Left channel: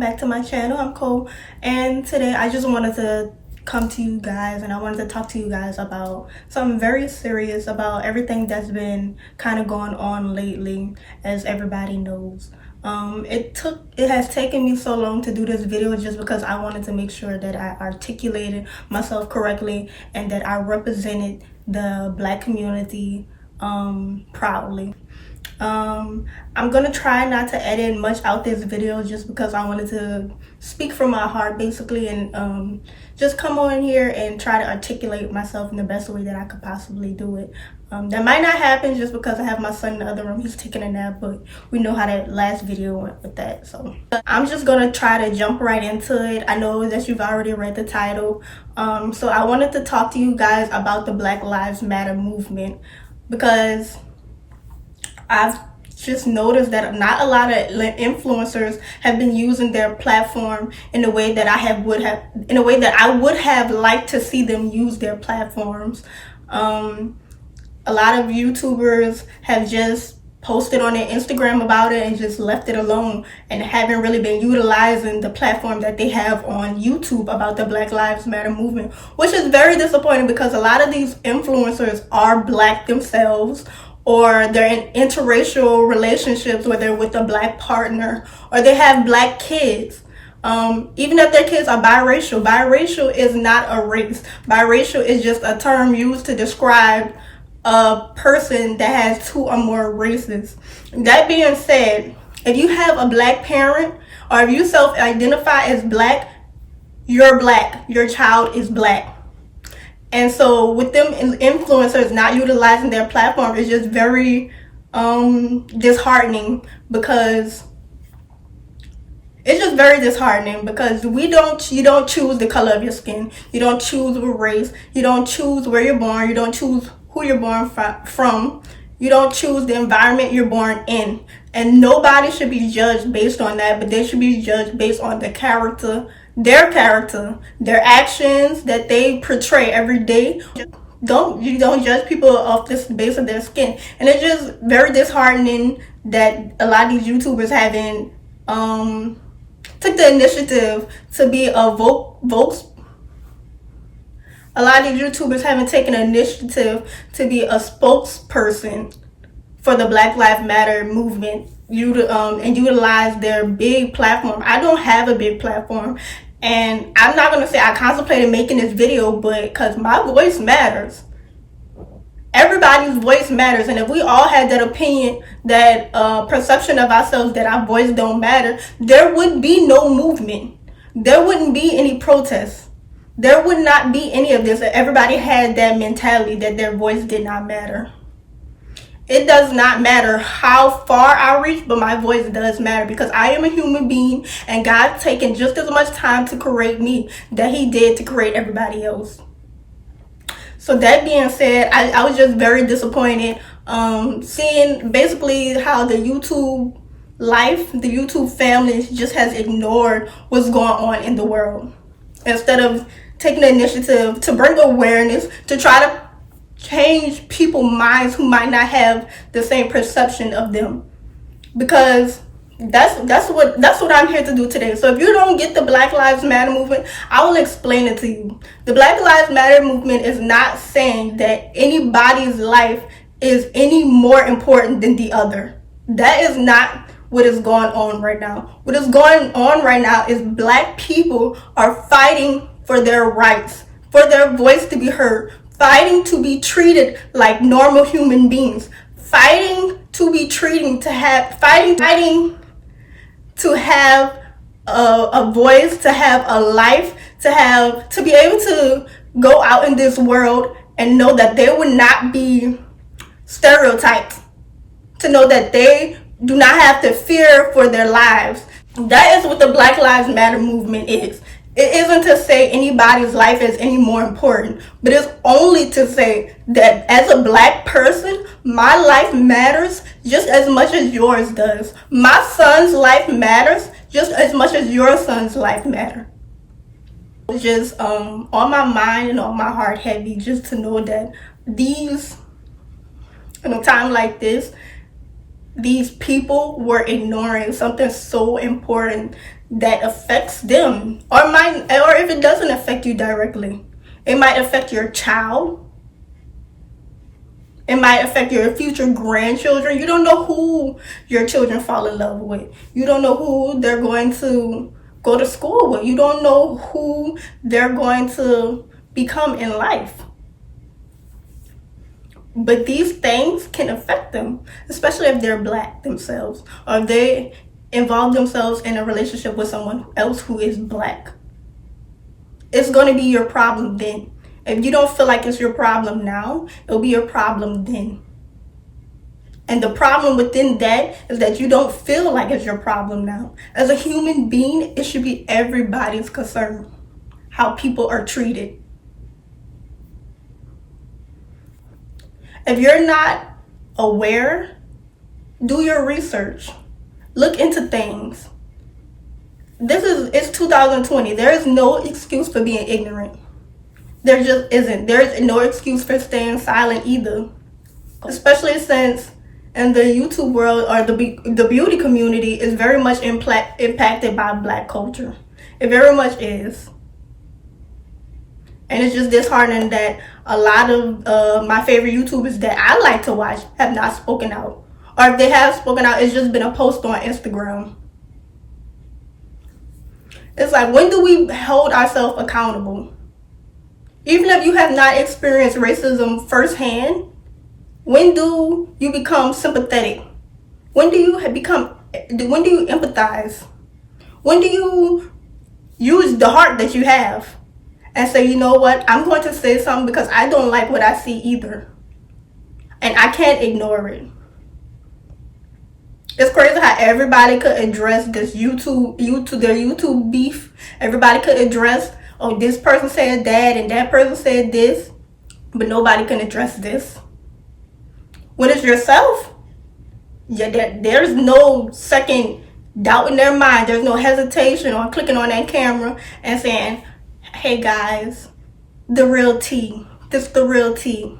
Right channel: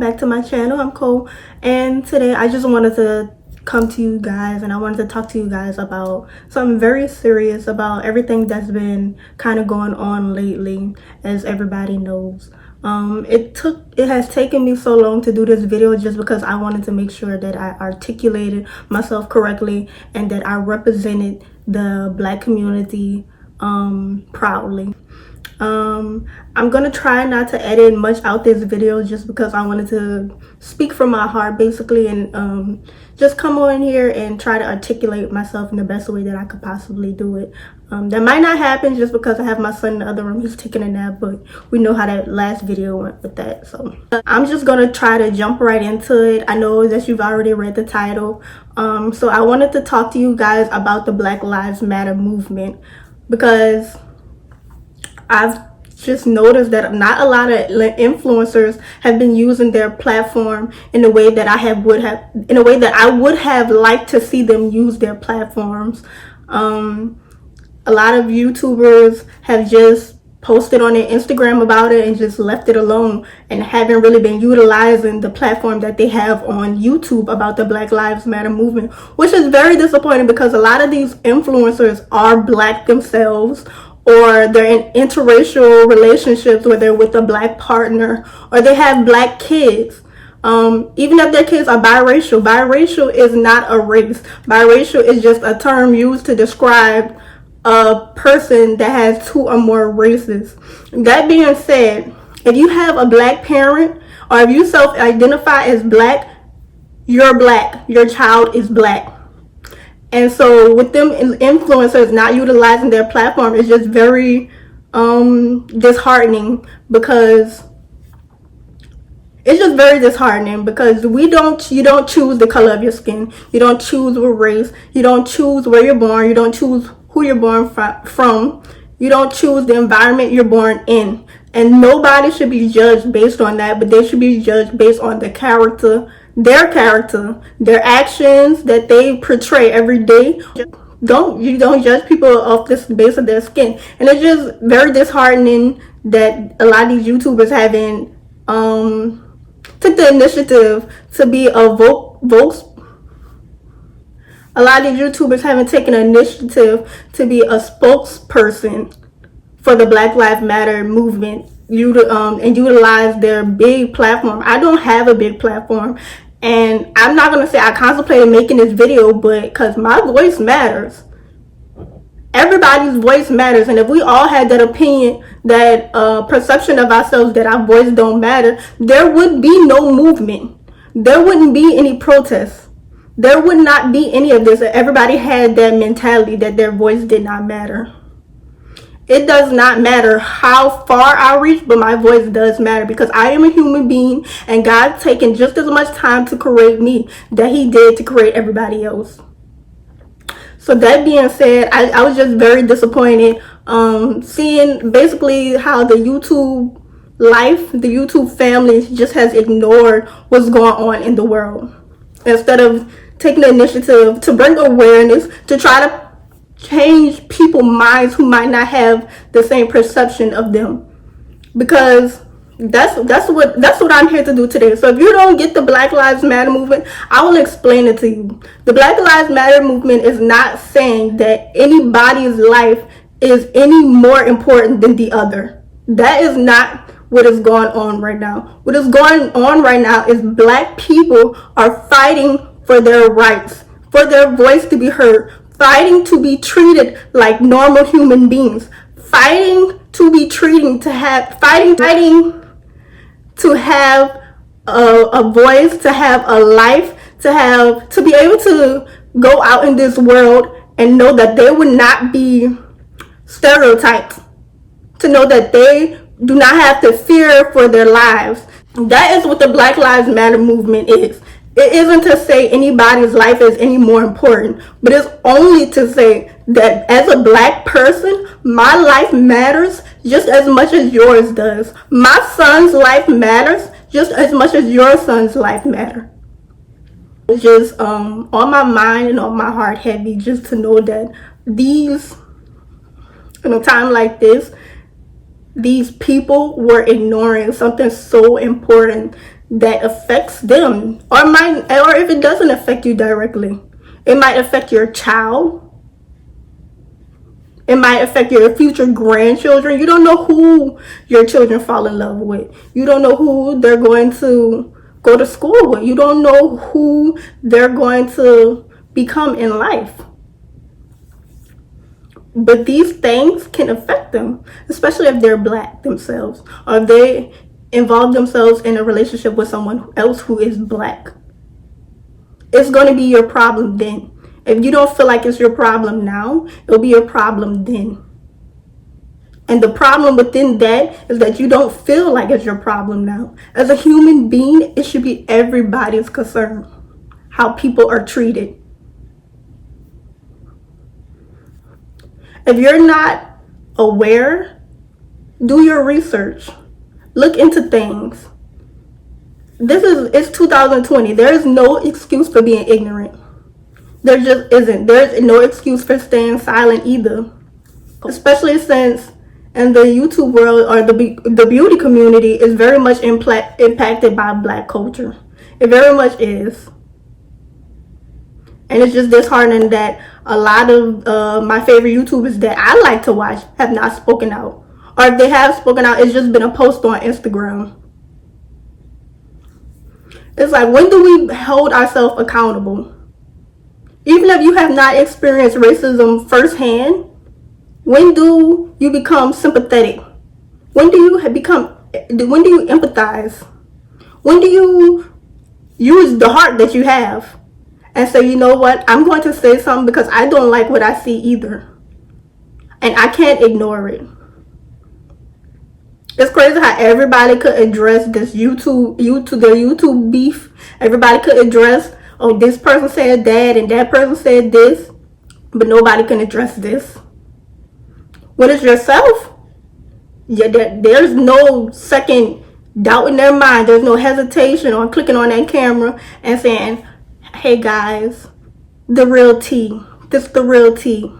back to my channel. I'm Cole, and today I just wanted to come to you guys and I wanted to talk to you guys about something very serious, about everything that's been kind of going on lately, as everybody knows. It has taken me so long to do this video just because I wanted to make sure that I articulated myself correctly and that I represented the Black community proudly. I'm gonna try not to edit much out this video just because I wanted to speak from my heart basically, and just come on here and try to articulate myself in the best way that I could possibly do it. That might not happen just because I have my son in the other room. He's taking a nap, but we know how that last video went with that. So I'm just gonna try to jump right into it. I know that you've already read the title. So I wanted to talk to you guys about the Black Lives Matter movement, because I've just noticed that not a lot of influencers have been using their platform in a way that I would have liked to see them use their platforms. A lot of YouTubers have just posted on their Instagram about it and just left it alone, and haven't really been utilizing the platform that they have on YouTube about the Black Lives Matter movement, which is very disappointing because a lot of these influencers are Black themselves, or they're in interracial relationships where they're with a Black partner, or they have Black kids. Even if their kids are biracial is not a race. Biracial is just a term used to describe a person that has two or more races. That being said, if you have a Black parent, or if you self-identify as Black, you're Black. Your child is Black. And so with them influencers not utilizing their platform, it's just very disheartening, because you don't choose the color of your skin. You don't choose what race. You don't choose where you're born. You don't choose who you're born from. You don't choose the environment you're born in. And nobody should be judged based on that, but they should be judged based on their character, their actions that they portray every day. You don't judge people off this base of their skin. And it's just very disheartening that a lot of these YouTubers haven't took the initiative to be a lot of these YouTubers haven't taken an initiative to be a spokesperson for the Black Lives Matter movement, and utilize their big platform. I don't have a big platform, and I'm not going to say I contemplated making this video, but because my voice matters. Everybody's voice matters, and if we all had that opinion, that perception of ourselves that our voice don't matter, there would be no movement. There wouldn't be any protests. There would not be any of this if everybody had that mentality that their voice did not matter. It does not matter how far I reach, but my voice does matter, because I am a human being, and God's taken just as much time to create me that he did to create everybody else. So that being said, I was just very disappointed seeing basically how the YouTube life, the YouTube family just has ignored what's going on in the world, instead of taking the initiative to bring awareness, to try to change people's minds who might not have the same perception of them. Because that's what I'm here to do today. So if you don't get the Black Lives Matter movement, I will explain it to you. The Black Lives Matter movement is not saying that anybody's life is any more important than the other. That is not what is going on right now. What is going on right now is Black people are fighting for their rights, for their voice to be heard, fighting to be treated like normal human beings, fighting to be fighting to have a voice, to have a life, to be able to go out in this world and know that they would not be stereotyped, to know that they do not have to fear for their lives. That is what the Black Lives Matter movement is. It isn't to say anybody's life is any more important, but it's only to say that as a Black person, my life matters just as much as yours does. My son's life matters just as much as your son's life matters. It's just on my mind and on my heart heavy, just to know that in a time like this, these people were ignoring something so important that affects them, or if it doesn't affect you directly, it might affect your child. It might affect your future grandchildren. You don't know who your children fall in love with. You don't know who they're going to go to school with. You don't know who they're going to become in life. But these things can affect them, especially if they're Black themselves, or they involve themselves in a relationship with someone else who is Black. It's going to be your problem then. If you don't feel like it's your problem now, it'll be your problem then. And the problem within that is that you don't feel like it's your problem now. As a human being, it should be everybody's concern how people are treated. If you're not aware, do your research. Look into things. It's 2020. There is no excuse for being ignorant. There just isn't. There's no excuse for staying silent either. Especially since in the YouTube world, or the beauty community is very much impacted by Black culture. It very much is. And it's just disheartening that a lot of my favorite YouTubers that I like to watch have not spoken out. Or if they have spoken out, it's just been a post on Instagram. It's like, when do we hold ourselves accountable? Even if you have not experienced racism firsthand, when do you become sympathetic? When do you empathize? When do you use the heart that you have and say, you know what, I'm going to say something because I don't like what I see either, and I can't ignore it. It's crazy how everybody could address this their YouTube beef. Everybody could address, oh, this person said that and that person said this, but nobody can address this. When it's yourself, there's no second doubt in their mind. There's no hesitation on clicking on that camera and saying, hey guys, the real tea. This the real tea.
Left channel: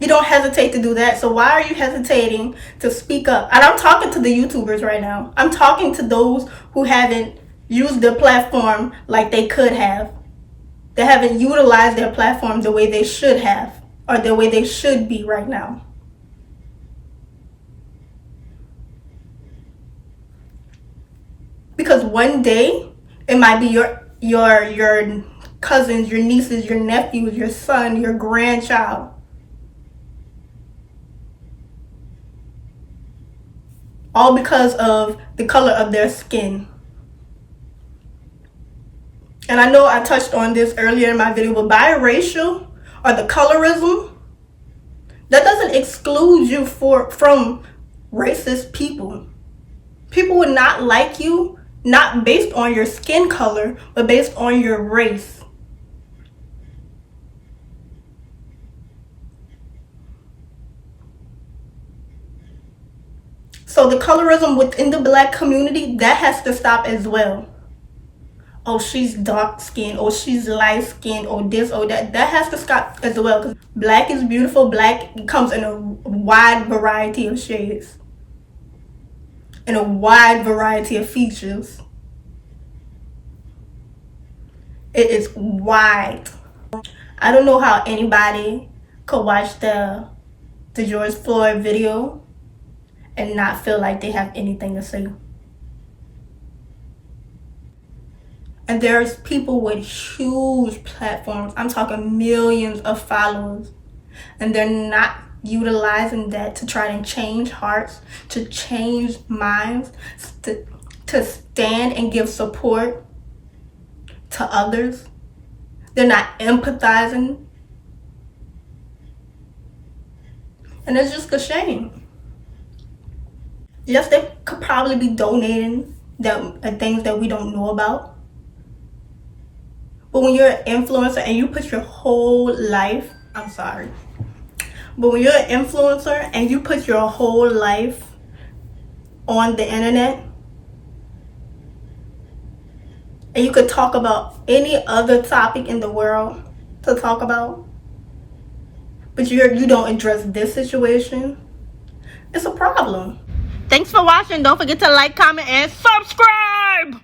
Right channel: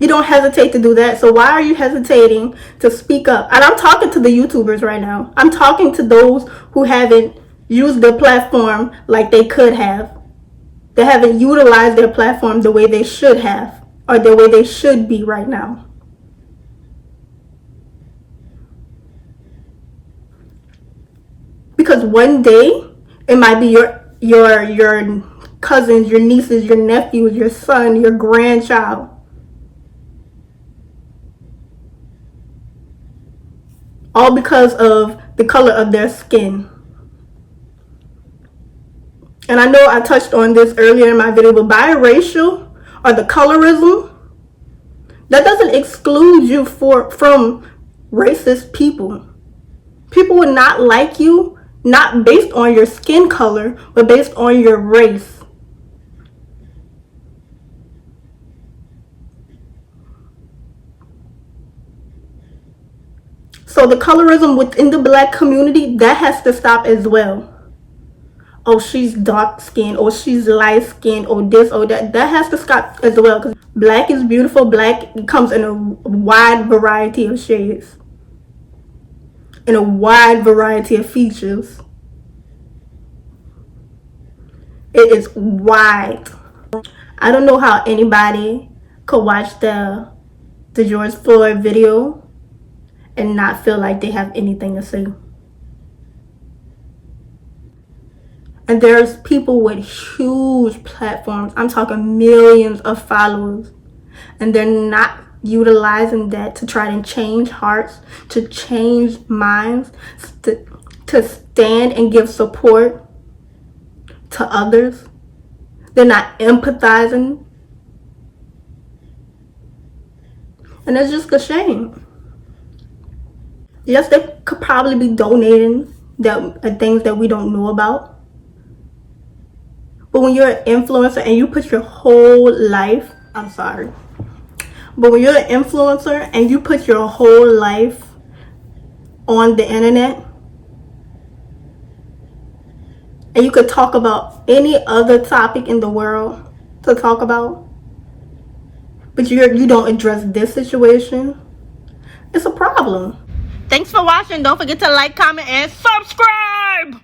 You don't hesitate to do that. So why are you hesitating to speak up? And I'm talking to the YouTubers right now. I'm talking to those who haven't used their platform like they could have. They haven't utilized their platform the way they should have, or the way they should be right now. Because one day it might be your cousins, your nieces, your nephews, your son, your grandchild. All because of the color of their skin. And I know I touched on this earlier in my video, but biracial, or the colorism, that doesn't exclude you from racist people. People would not like you, not based on your skin color, but based on your race. So the colorism within the Black community, that has to stop as well. Oh, she's dark skinned, or she's light skinned, or this or that. That has to stop as well, because Black is beautiful. Black comes in a wide variety of shades, in a wide variety of features. It is wide. I don't know how anybody could watch the George Floyd video and not feel like they have anything to say. And there's people with huge platforms. I'm talking millions of followers. And they're not utilizing that to try to change hearts, to change minds, to stand and give support to others. They're not empathizing. And it's just a shame. Yes, they could probably be donating things that we don't know about. But when you're an influencer and you put your whole life, but when you're an influencer and you put your whole life on the internet, and you could talk about any other topic in the world to talk about, but you don't address this situation, it's a problem. Thanks for watching. Don't forget to like, comment, and subscribe. subscribe.